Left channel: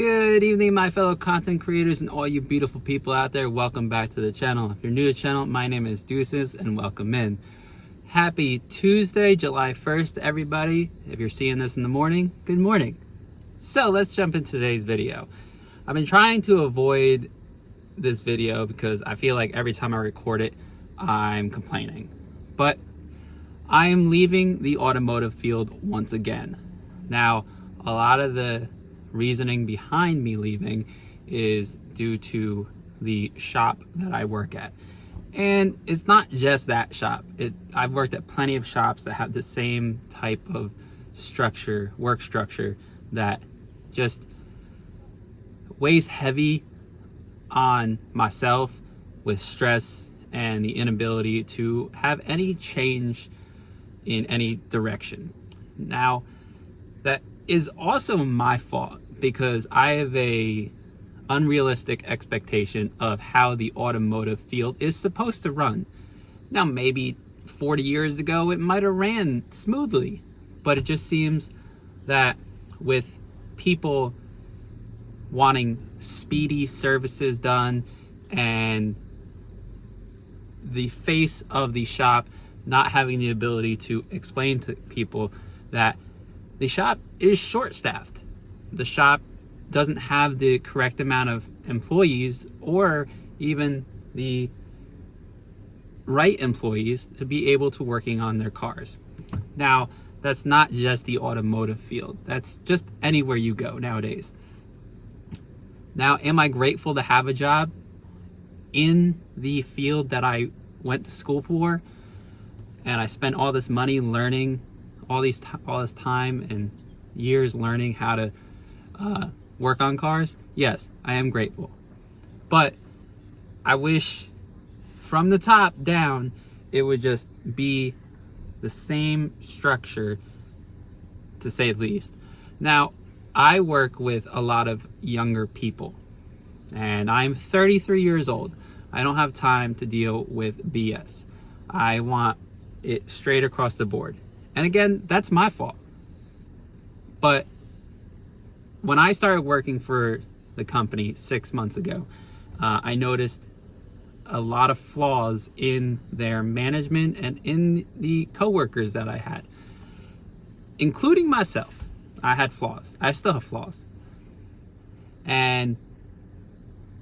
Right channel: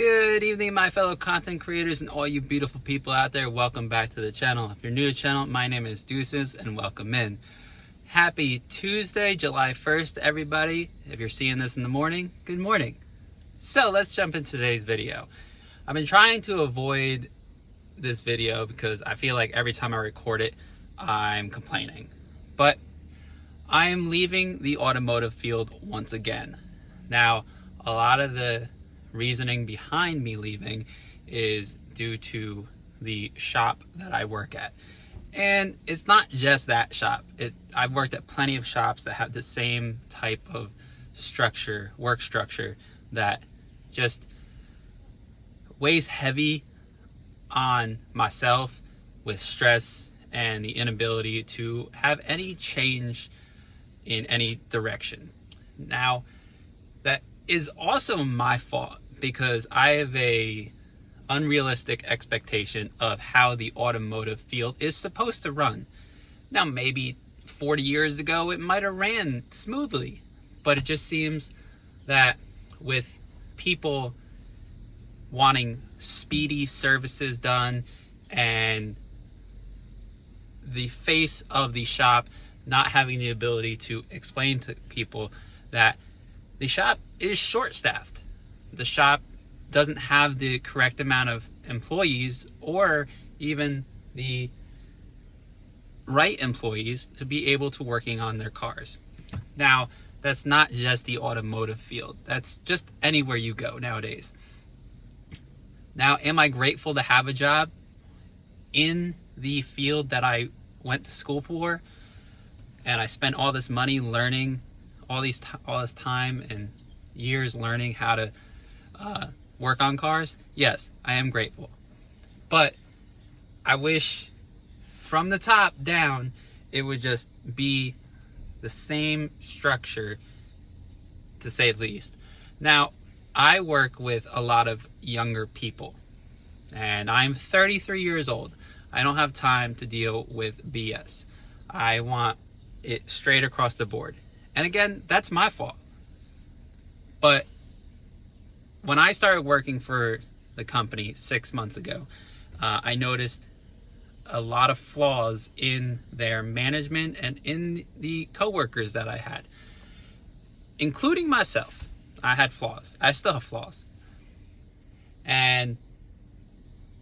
Good evening, my fellow content creators and all you beautiful people out there. Welcome back to the channel. If you're new to the channel, my name is Deuces and welcome in. Happy Tuesday, July 1st, everybody. If you're seeing this in the morning, good morning. So let's jump into today's video. I've been trying to avoid this video because I feel like every time I record it, I'm complaining. But I am leaving the automotive field once again. Now, a lot of the reasoning behind me leaving is due to the shop that I work at. And it's not just that shop. I've worked at plenty of shops that have the same type of structure, work structure, that just weighs heavy on myself with stress and the inability to have any change in any direction. Now, that is also my fault because I have a unrealistic expectation of how the automotive field is supposed to run. Now, maybe 40 years ago, it might have ran smoothly, but it just seems that with people wanting speedy services done and the face of the shop not having the ability to explain to people that the shop is short-staffed. The shop doesn't have the correct amount of employees or even the right employees to be able to working on their cars. Now, that's not just the automotive field. That's just anywhere you go nowadays. Now, am I grateful to have a job in the field that I went to school for and I spent all this money learning all this time and years learning how to work on cars? Yes, I am grateful. But I wish from the top down, it would just be the same structure, to say the least. Now, I work with a lot of younger people, and I'm 33 years old. I don't have time to deal with BS. I want it straight across the board. And again, that's my fault. But when I started working for the company 6 months ago, I noticed a lot of flaws in their management and in the coworkers that I had, including myself. I had flaws. I still have flaws. And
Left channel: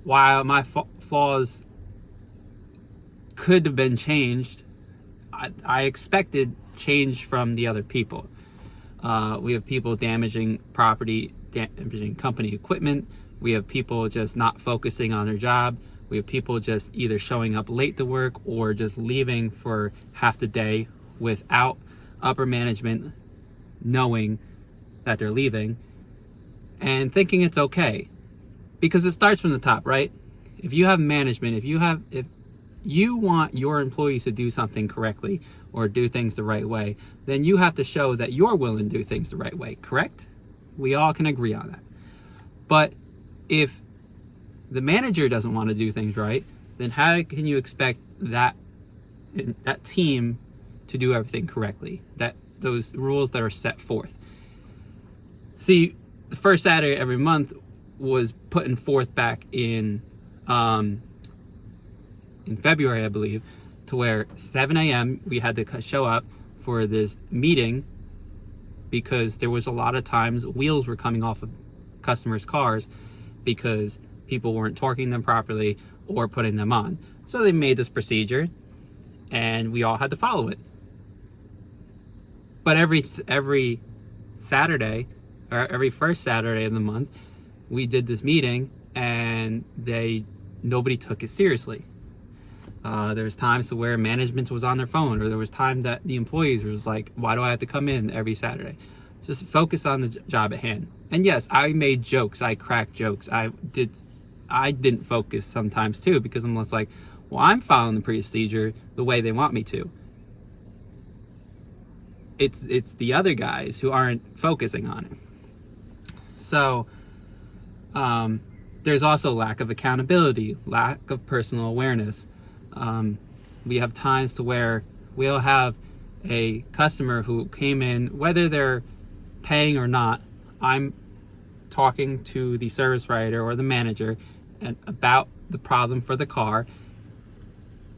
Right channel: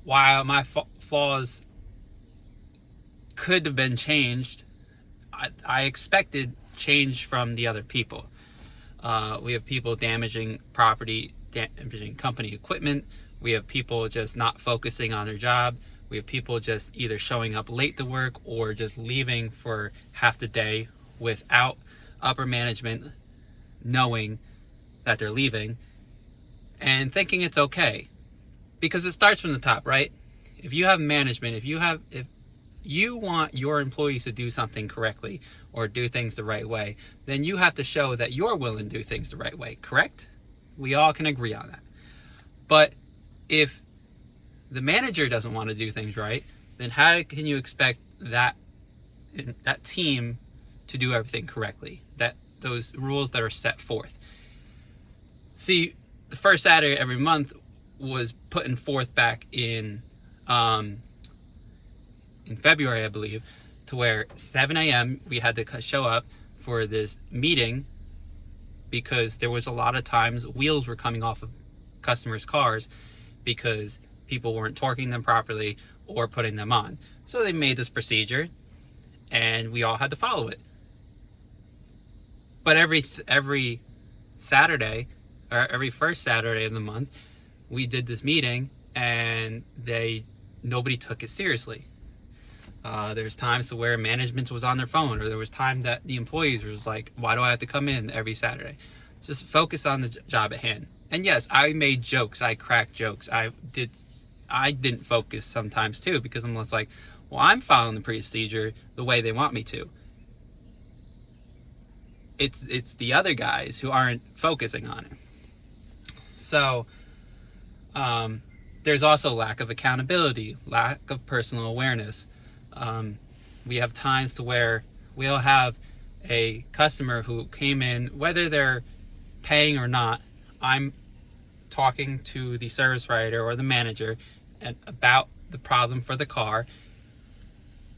while my flaws could have been changed, I expected change from the other people. We have people damaging property, damaging company equipment. We have people just not focusing on their job. We have people just either showing up late to work or just leaving for half the day without upper management knowing that they're leaving and thinking it's okay. Because it starts from the top, right? If you have management, if you want your employees to do something correctly or do things the right way, then you have to show that you're willing to do things the right way, correct? We all can agree on that. But if the manager doesn't want to do things right, then how can you expect that team to do everything correctly? Those rules that are set forth. See, the first Saturday every month was putting forth back in February, I believe, to where 7 a.m. we had to show up for this meeting because there was a lot of times wheels were coming off of customers' cars because people weren't torquing them properly or putting them on. So they made this procedure and we all had to follow it. But every Saturday, or every first Saturday of the month, we did this meeting and nobody took it seriously. There's times to where management was on their phone, or there was time that the employees was like, why do I have to come in every Saturday? Just focus on the job at hand. And yes, I made jokes, I cracked jokes. I didn't focus sometimes too, because I'm just like, well, I'm following the procedure the way they want me to. It's the other guys who aren't focusing on it. So, there's also lack of accountability, lack of personal awareness. We have times to where we'll have a customer who came in, whether they're paying or not, I'm talking to the service writer or the manager and about the problem for the car,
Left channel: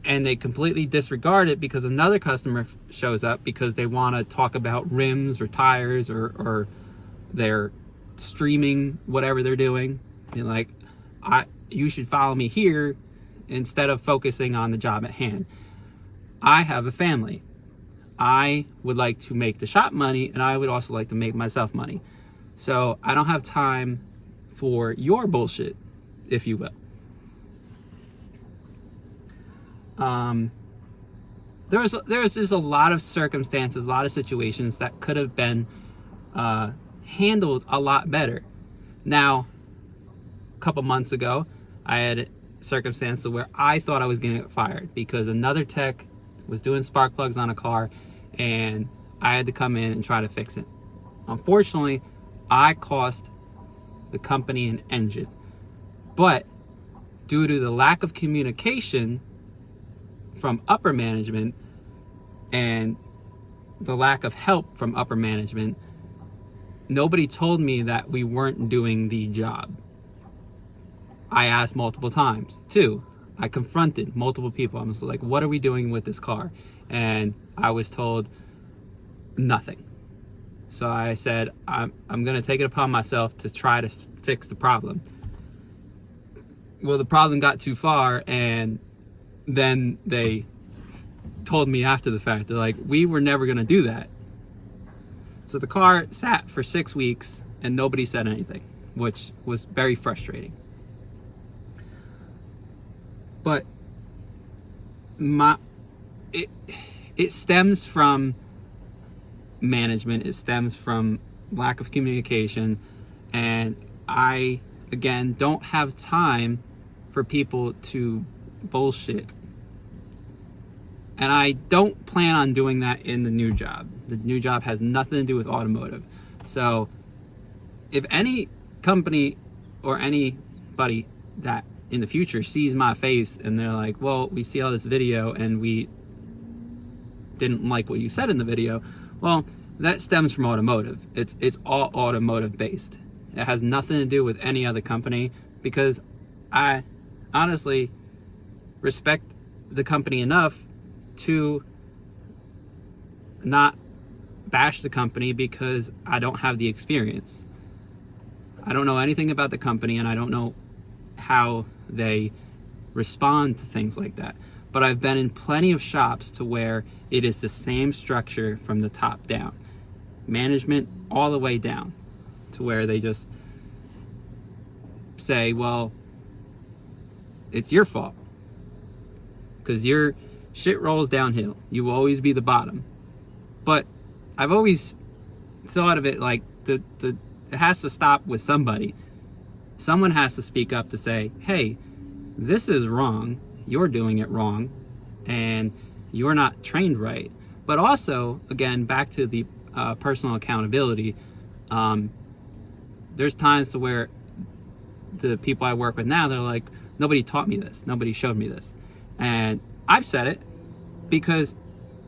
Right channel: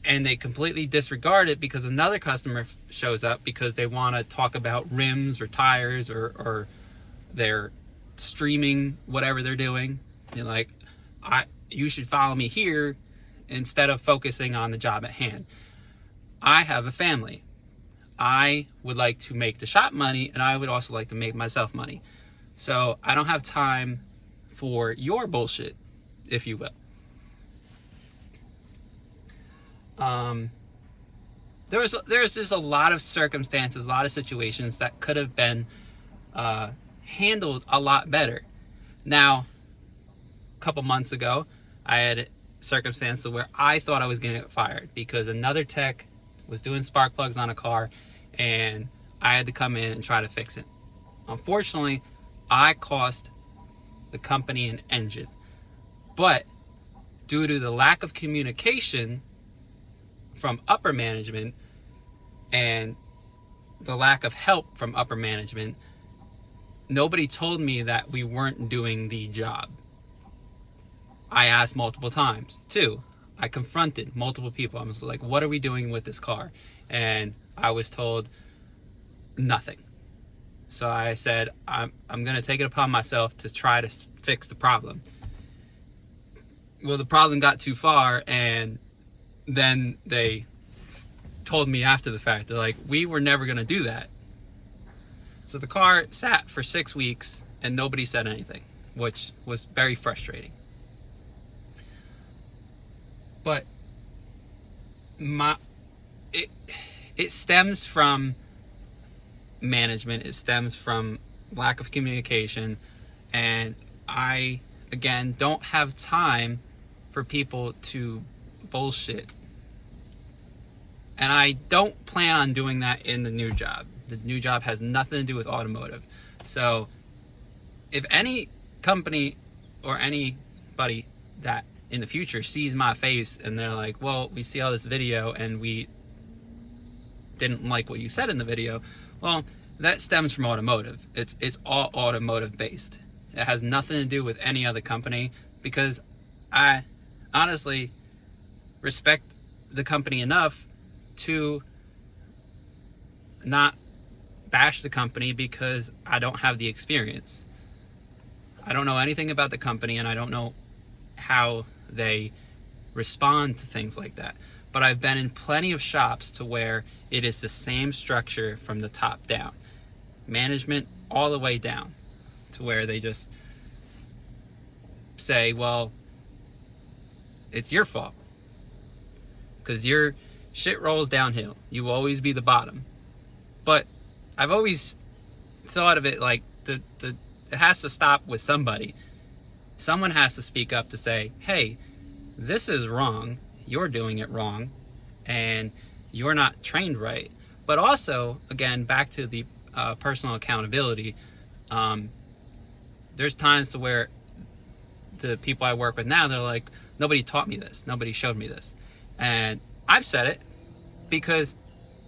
and they completely disregard it because another customer shows up because they want to talk about rims or tires or they're streaming whatever they're doing. And like, you should follow me here instead of focusing on the job at hand. I have a family. I would like to make the shop money, and I would also like to make myself money. So I don't have time for your bullshit, if you will. There's just a lot of circumstances, a lot of situations that could have been handled a lot better. Now, a couple months ago, I had circumstances where I thought I was going to get fired because another tech was doing spark plugs on a car, and I had to come in and try to fix it. Unfortunately, I cost the company an engine, but due to the lack of communication from upper management and the lack of help from upper management, nobody told me that we weren't doing the job. I asked multiple times too. I confronted multiple people. I was like, what are we doing with this car? And I was told nothing. So I said, I'm going to take it upon myself to try to fix the problem. Well, the problem got too far, and then they told me after the fact, they're like, we were never going to do that. So the car sat for 6 weeks and nobody said anything, which was very frustrating. But it stems from management. It stems from lack of communication. And I, again, don't have time for people to bullshit. And I don't plan on doing that in the new job. The new job has nothing to do with automotive. So if any company or anybody that in the future sees my face and they're like, well, we see all this video and we didn't like what you said in the video, well, that stems from automotive. It's all automotive based. It has nothing to do with any other company, because I honestly respect the company enough to not bash the company because I don't have the experience. I don't know anything about the company, and I don't know how they respond to things like that. But I've been in plenty of shops to where it is the same structure from the top down. Management all the way down, to where they just say, well, it's your fault because your shit rolls downhill. You will always be the bottom. But I've always thought of it like it has to stop with somebody. Someone has to speak up to say, hey, this is wrong. You're doing it wrong, and you're not trained right. But also, again, back to the personal accountability, there's times to where the people I work with now, they're like, nobody taught me this. Nobody showed me this. And I've said it because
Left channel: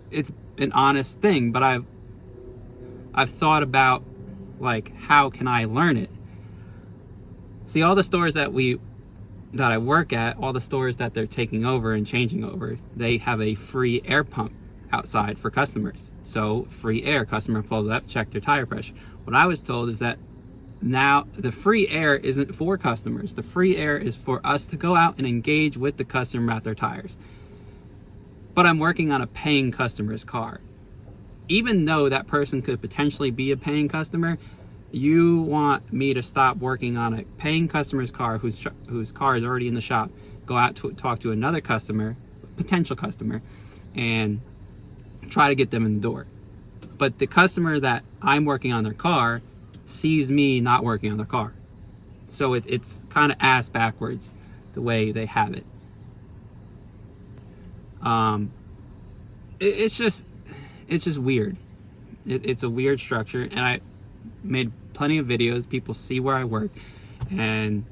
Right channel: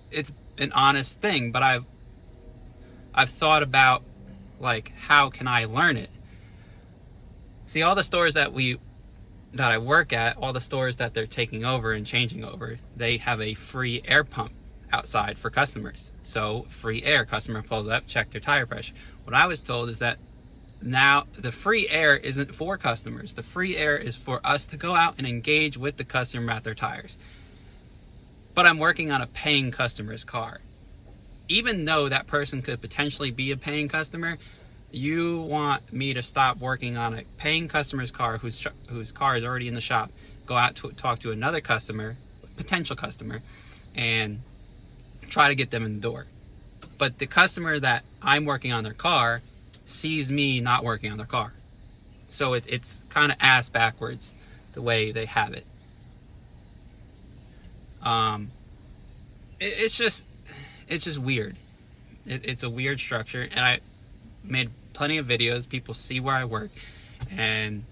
it's an honest thing, but I've thought about, like, how can I learn it? See, all the stores that I work at, all the stores that they're taking over and changing over, they have a free air pump outside for customers. So free air, customer pulls up, check their tire pressure. What I was told is that now the free air isn't for customers. The free air is for us to go out and engage with the customer at their tires. But I'm working on a paying customer's car. Even though that person could potentially be a paying customer, you want me to stop working on a paying customer's car whose car is already in the shop, go out to talk to another customer, potential customer, and try to get them in the door. But the customer that I'm working on their car sees me not working on their car. So it's kind of ass backwards the way they have it. It's just weird. It's a weird structure, and I made plenty of videos. People see where I work, and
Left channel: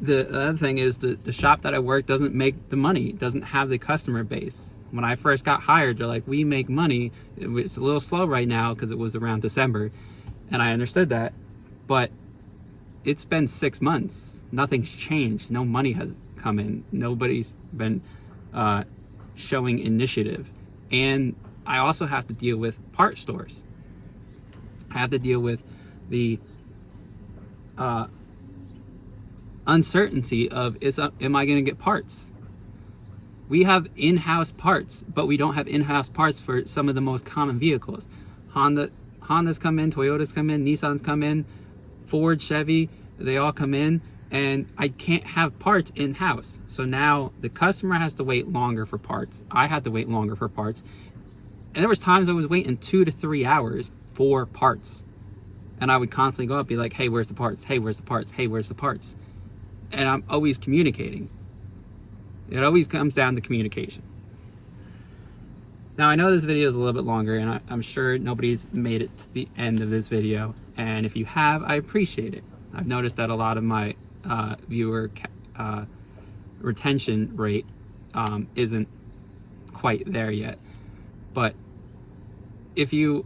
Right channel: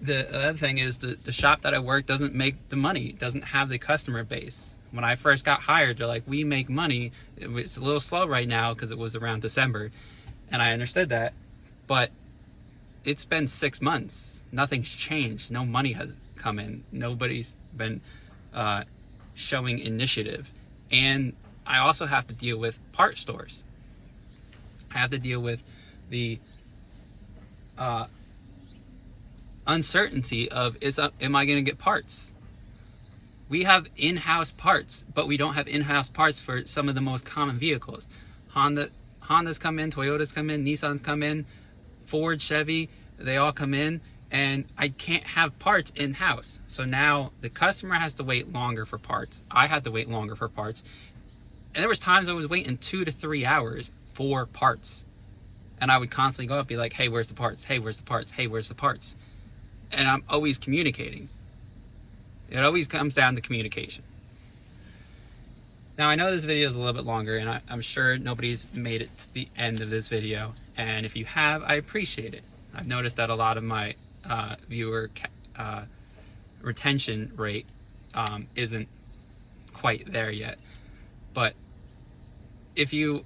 the other thing is the shop that I work doesn't make the money, doesn't have the customer base. When I first got hired, they're like, we make money. It's a little slow right now because it was around December, And I understood that, but it's been 6 months. Nothing's changed. No money has come in. Nobody's been showing initiative. And I also have to deal with part stores. I have to deal with the uncertainty of, am I going to get parts? We have in-house parts, but we don't have in-house parts for some of the most common vehicles. Honda's come in, Toyota's come in, Nissan's come in, Ford, Chevy, they all come in, and I can't have parts in-house. So now the customer has to wait longer for parts. I had to wait longer for parts. And there was times I was waiting 2 to 3 hours for parts. And I would constantly go up and be like, hey, where's the parts? Hey, where's the parts? Hey, where's the parts? And I'm always communicating. It always comes down to communication. Now, I know this video is a little bit longer, and I'm sure nobody's made it to the end of this video. And if you have, I appreciate it. I've noticed that a lot of my viewer retention rate isn't quite there yet. But if you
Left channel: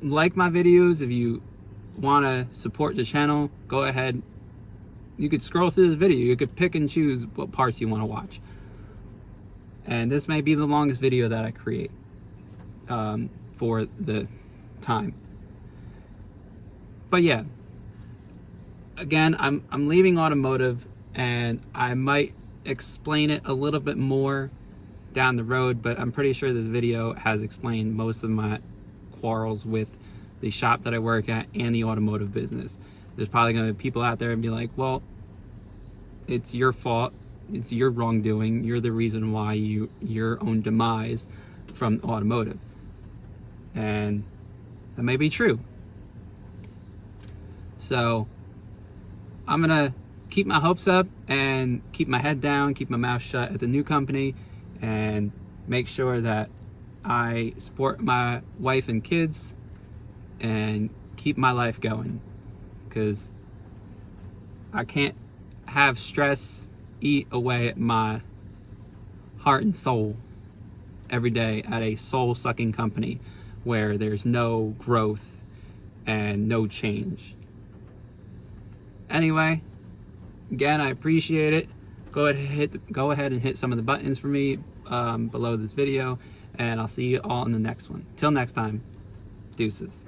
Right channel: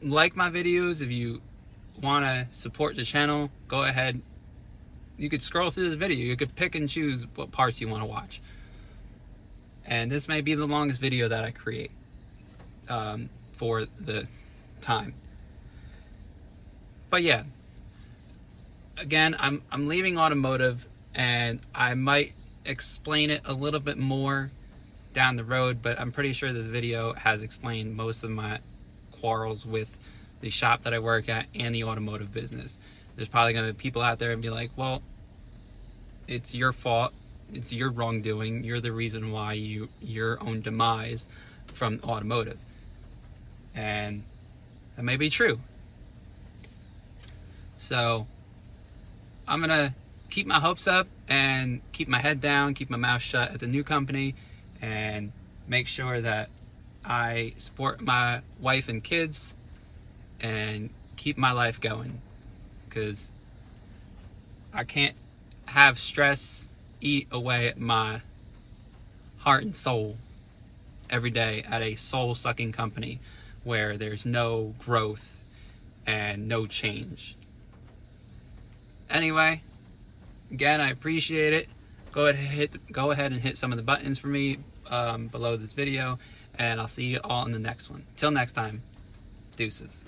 like my videos, if you want to support the channel, go ahead. You could scroll through this video. You could pick and choose what parts you want to watch. And this may be the longest video that I create for the time. But yeah, again, I'm leaving automotive, and I might explain it a little bit more down the road, but I'm pretty sure this video has explained most of my quarrels with the shop that I work at and the automotive business. There's probably going to be people out there and be like, well, it's your fault. It's your wrongdoing. You're the reason why your own demise from automotive. And that may be true. So I'm going to keep my hopes up and keep my head down, keep my mouth shut at the new company, and make sure that I support my wife and kids and keep my life going. Because I can't have stress eat away at my heart and soul every day at a soul-sucking company where there's no growth and no change. Anyway, again, I appreciate it. Go ahead and hit some of the buttons for me below this video, and I'll see you all in the next one. Till next time, deuces.